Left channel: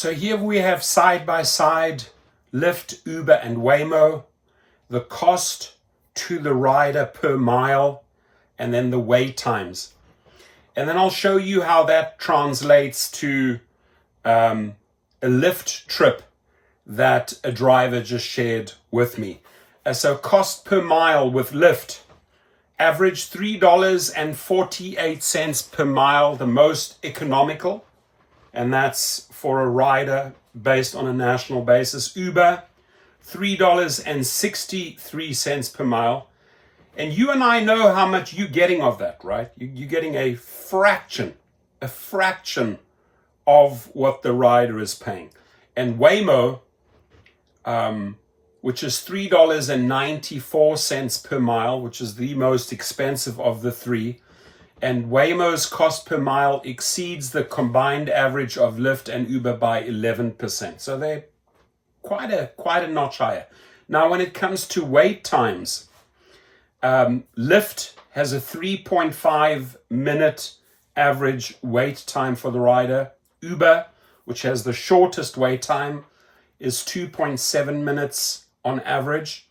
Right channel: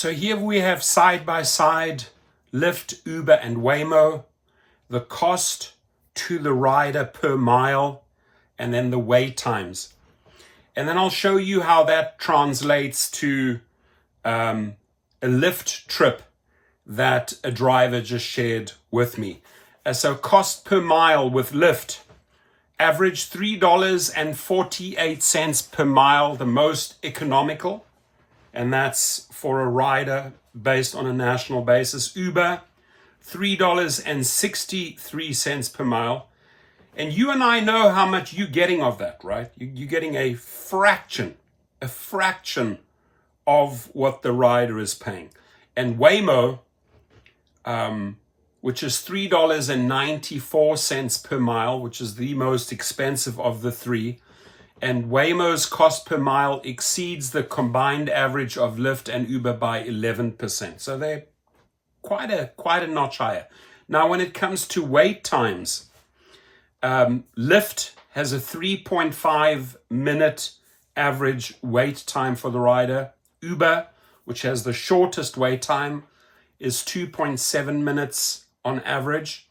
So here we have side by side Lyft, Uber, and WAYMO, the cost to the rider per mile, and then the wait times. And then I'll show you how that translates to a Lyft trip that a driver just shared with me. So cost per mile with Lyft, average $3.48 per mile, the most economical. And that's for a rider based on a national basis. Uber, $3.63 per mile. And you and I know how much you're getting of that, right? You're getting a fraction of what the rider is paying. And WAYMO, which is $3.94 per mile, which is the most expensive of the three. And WAYMO's cost per mile exceeds the combined average of Lyft and Uber by 11%. So they're quite a notch higher. Now, when it comes to wait times, Lyft has a 3.5 minute average wait time for the rider. Uber, which has the shortest wait time, is 2.7 minutes on average.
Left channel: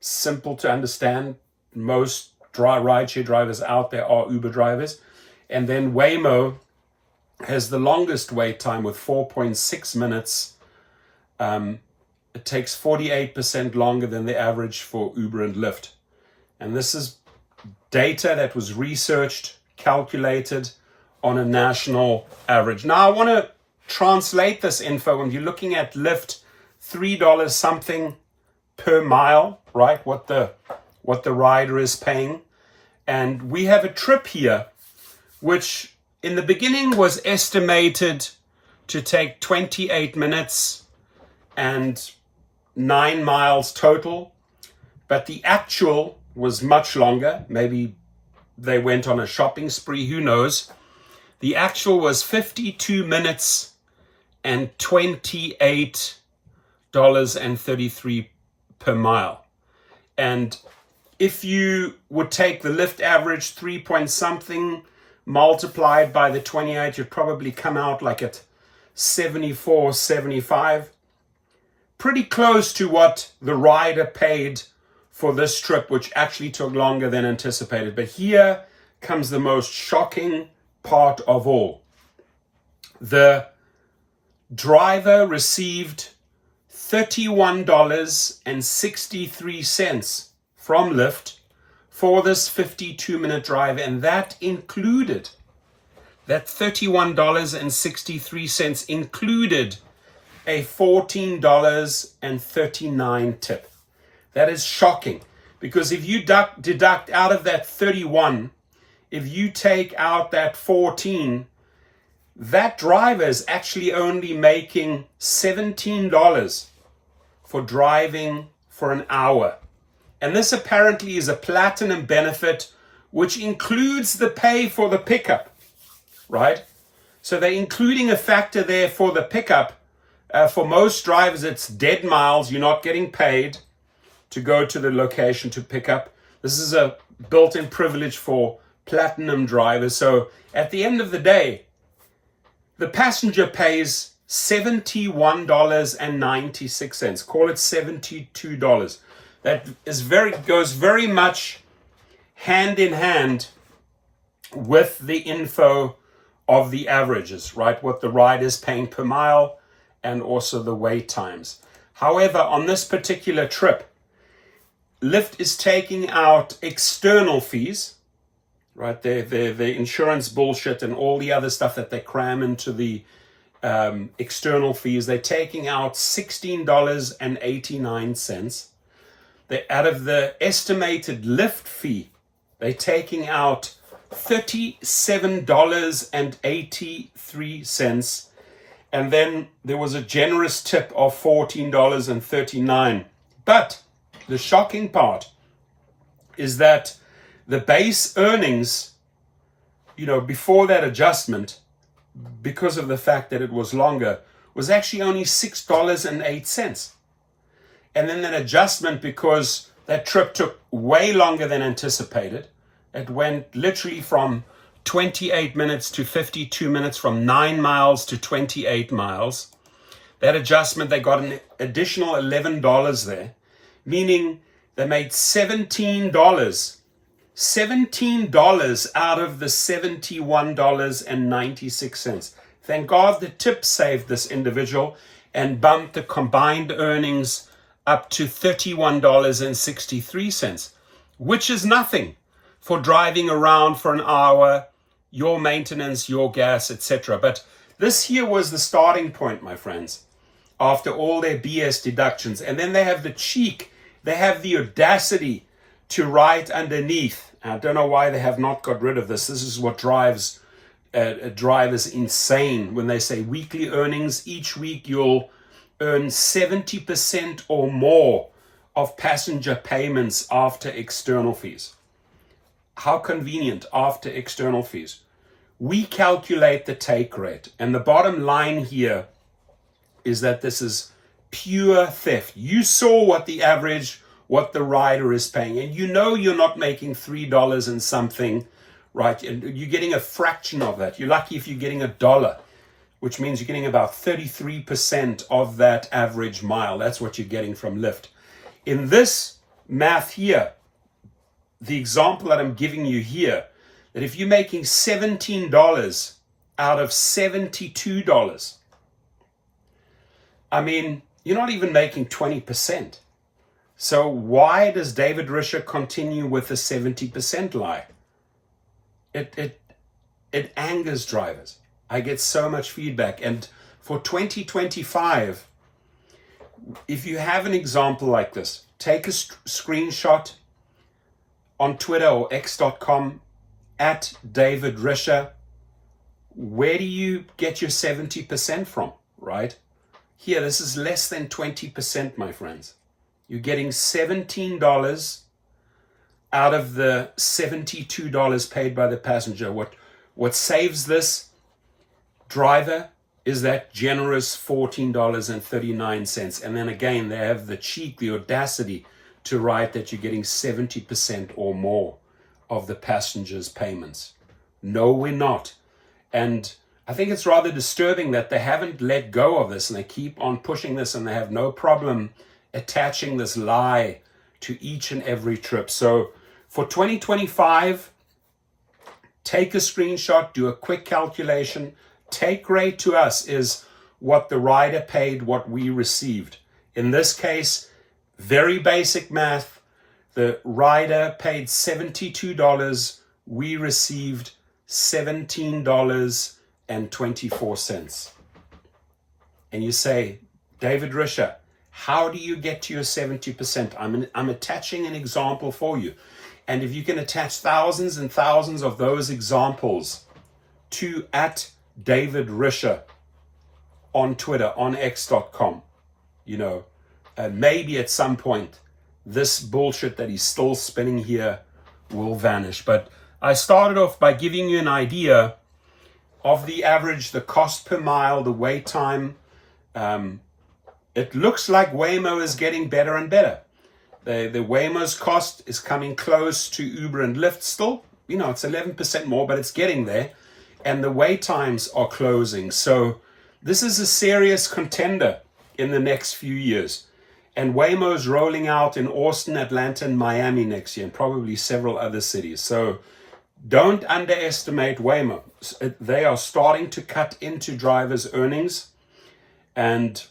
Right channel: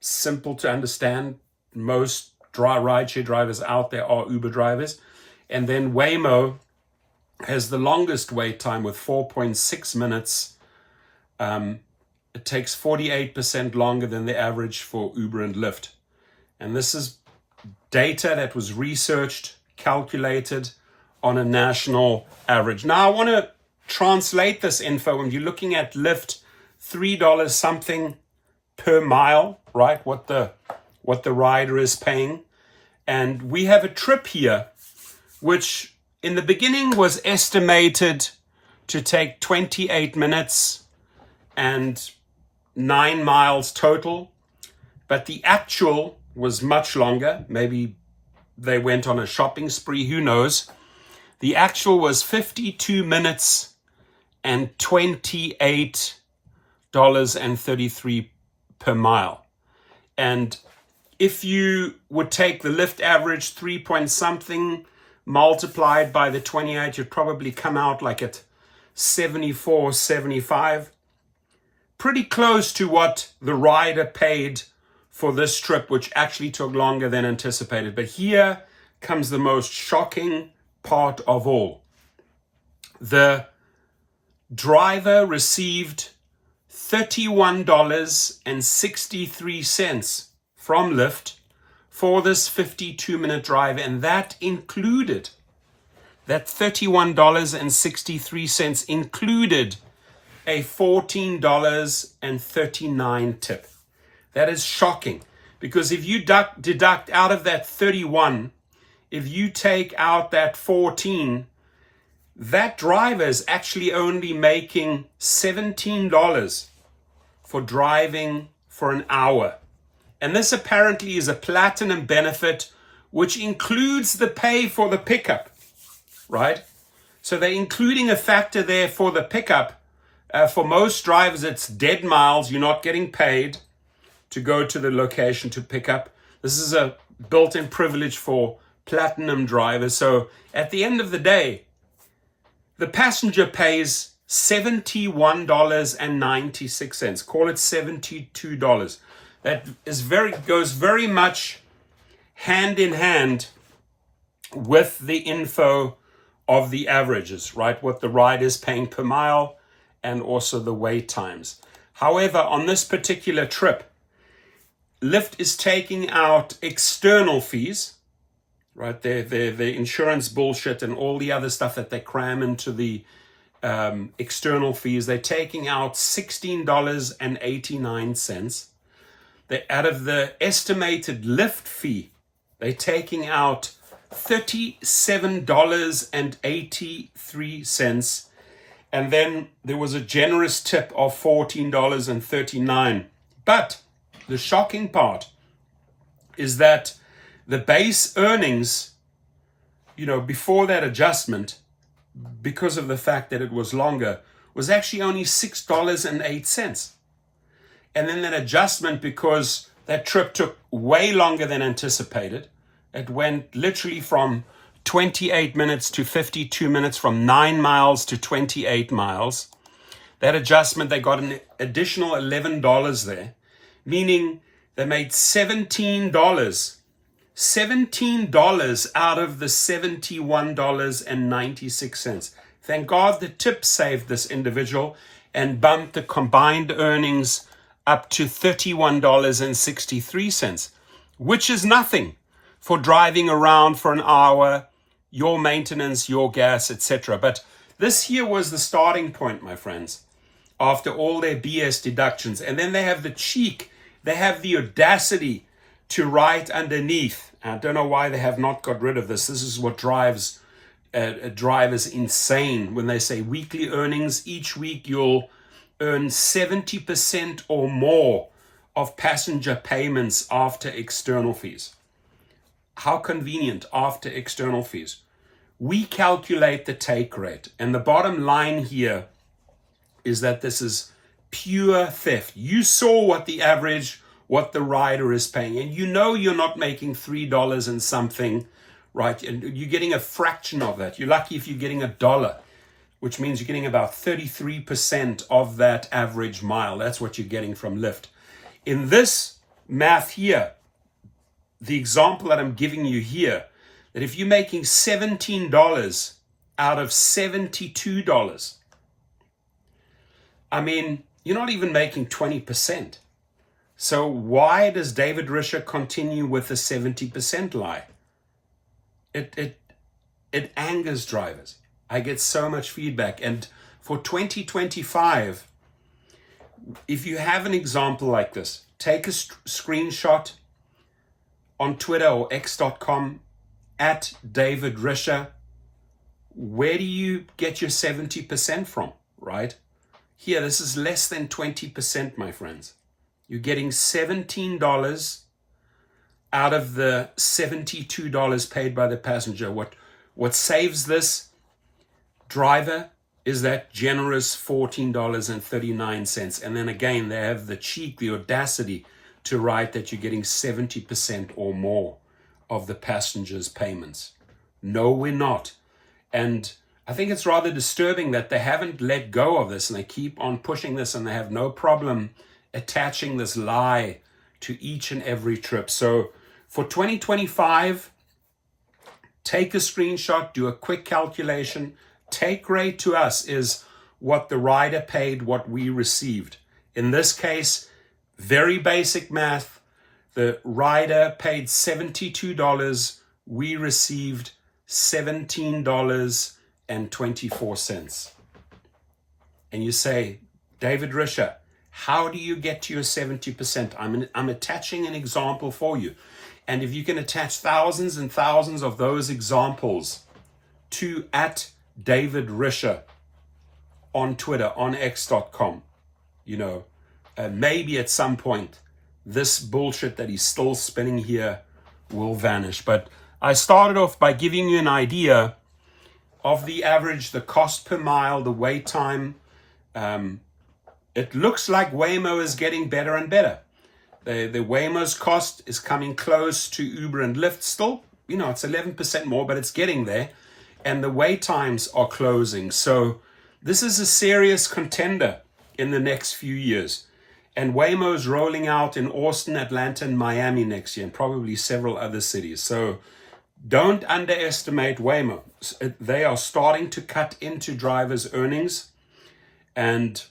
Simple to understand. Most rideshare drivers out there are Uber drivers. And then WAYMO has the longest wait time with 4.6 minutes. It takes 48% longer than the average for Uber and Lyft. And this is data that was researched, calculated on a national average. Now I want to translate this info. When you're looking at Lyft, $3 something per mile, right? What the rider is paying. And we have a trip here, which in the beginning was estimated to take 28 minutes and 9 miles total. But the actual was much longer. Maybe they went on a shopping spree, who knows? The actual was 52 minutes and $28.33 per mile. And if you would take the Lyft average 3 point something multiplied by the 28, you'd probably come out like at 74, 75. Pretty close to what the rider paid for this trip, which actually took longer than anticipated. But here comes the most shocking part of all. The driver received $31.63 from Lyft for this 52-minute drive, and that included, that $31.63 included a $14.39 tip. That is shocking, because if you deduct out of that 31, if you take out that 14, that driver is actually only making $17 for driving for an hour. And this apparently is a platinum benefit, which includes the pay for the pickup, right? So they're including a factor there for the pickup. For most drivers, it's dead miles. You're not getting paid to go to the location to pick up. This is a built-in privilege for platinum drivers. So at the end of the day, the passenger pays $71.96. Call it $72. That is goes very much hand in hand with the info of the averages, right? What the rider is paying per mile and also the wait times. However, on this particular trip, Lyft is taking out external fees, right? The insurance bullshit and all the other stuff that they cram into the external fees. They're taking out $16.89. Out of the estimated Lyft fee, they're taking out $37.83. And then there was a generous tip of $14.39. But the shocking part is that the base earnings, before that adjustment, because of the fact that it was longer, was actually only $6.08. And then an adjustment, because that trip took way longer than anticipated. It went literally from 28 minutes to 52 minutes, from 9 miles to 28 miles. That adjustment, they got an additional $11 there, meaning they made $17 out of the $71.96. Thank God the tip saved this individual and bumped the combined earnings up to $31.63, which is nothing for driving around for an hour, your maintenance, your gas, etc. But this here was the starting point, my friends, after all their BS deductions. And then they have the cheek, they have the audacity to write underneath. I don't know why they have not got rid of this. This is what drives drivers insane when they say weekly earnings. Each week you'll earn 70% or more of passenger payments after external fees. How convenient, after external fees. We calculate the take rate, and the bottom line here is that this is pure theft. You saw what the rider is paying, and you know you're not making $3 and something, right? And you're getting a fraction of that. You're lucky if you're getting $1, which means you're getting about 33% of that average mile. That's what you're getting from Lyft. In this math here, the example that I'm giving you here, that if you're making $17 out of $72, I mean, you're not even making 20%. So why does David Risher continue with the 70% lie? It angers drivers. I get so much feedback. And for 2025, if you have an example like this, take a screenshot on Twitter or x.com at David Risher. Where do you get your 70% from, right? Here, this is less than 20%, my friends. You're getting $17 out of the $72 paid by the passenger. What saves this driver is that generous $14.39. And then again, they have the cheek, the audacity to write that you're getting 70% or more of the passenger's payments. No, we're not. And I think it's rather disturbing that they haven't let go of this and they keep on pushing this, and they have no problem attaching this lie to each and every trip. So for 2025, take a screenshot, do a quick calculation. Take rate to us is what the rider paid, what we received. In this case, very basic math. The rider paid $72. We received $17.24. And you say, David Risher, how do you get to your 70%? I'm attaching an example for you. And if you can attach thousands and thousands of those examples to at David Risher on Twitter, on x.com, maybe at some point this bullshit that he's still spinning here will vanish. But I started off by giving you an idea of the average, the cost per mile, the wait time. It looks like WAYMO is getting better and better. The WAYMO's cost is coming close to Uber and Lyft still. It's 11% more, but it's getting there. And the wait times are closing. So this is a serious contender in the next few years. And WAYMO's rolling out in Austin, Atlanta, and Miami next year, and probably several other cities. So don't underestimate WAYMO. They are starting to cut into drivers' earnings, and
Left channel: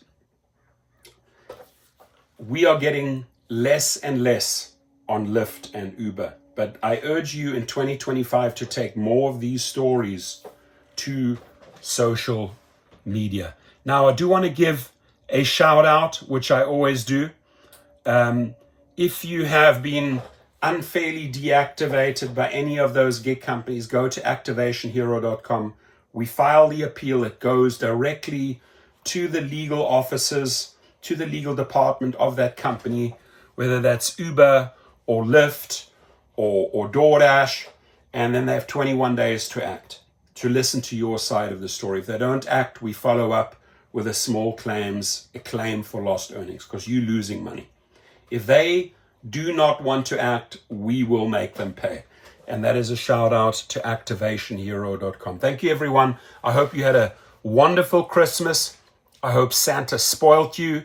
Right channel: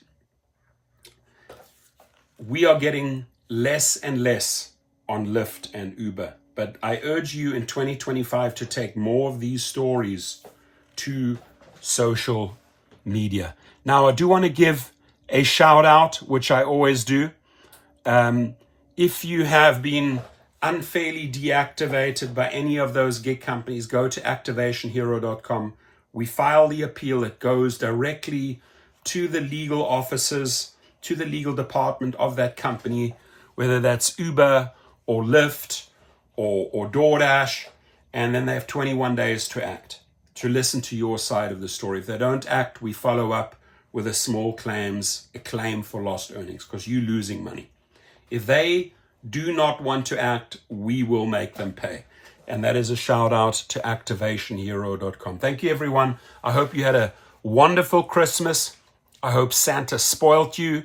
we are getting less and less on Lyft and Uber. But I urge you in 2025 to take more of these stories to social media. Now, I do want to give a shout out, which I always do. If you have been unfairly deactivated by any of those gig companies, go to activationhero.com. We file the appeal. It goes directly to the legal officers, to the legal department of that company, whether that's Uber or Lyft or DoorDash, and then they have 21 days to act, to listen to your side of the story. If they don't act, we follow up with a claim for lost earnings, because you're losing money. If they do not want to act, we will make them pay. And that is a shout out to activationhero.com. Thank you, everyone. I hope you had a wonderful Christmas. I hope Santa spoilt you.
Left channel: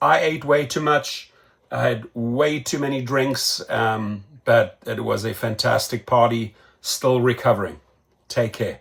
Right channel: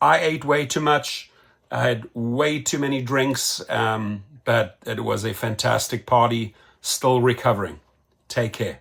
I ate way too much. I had way too many drinks, but it was a fantastic party. Still recovering. Take care.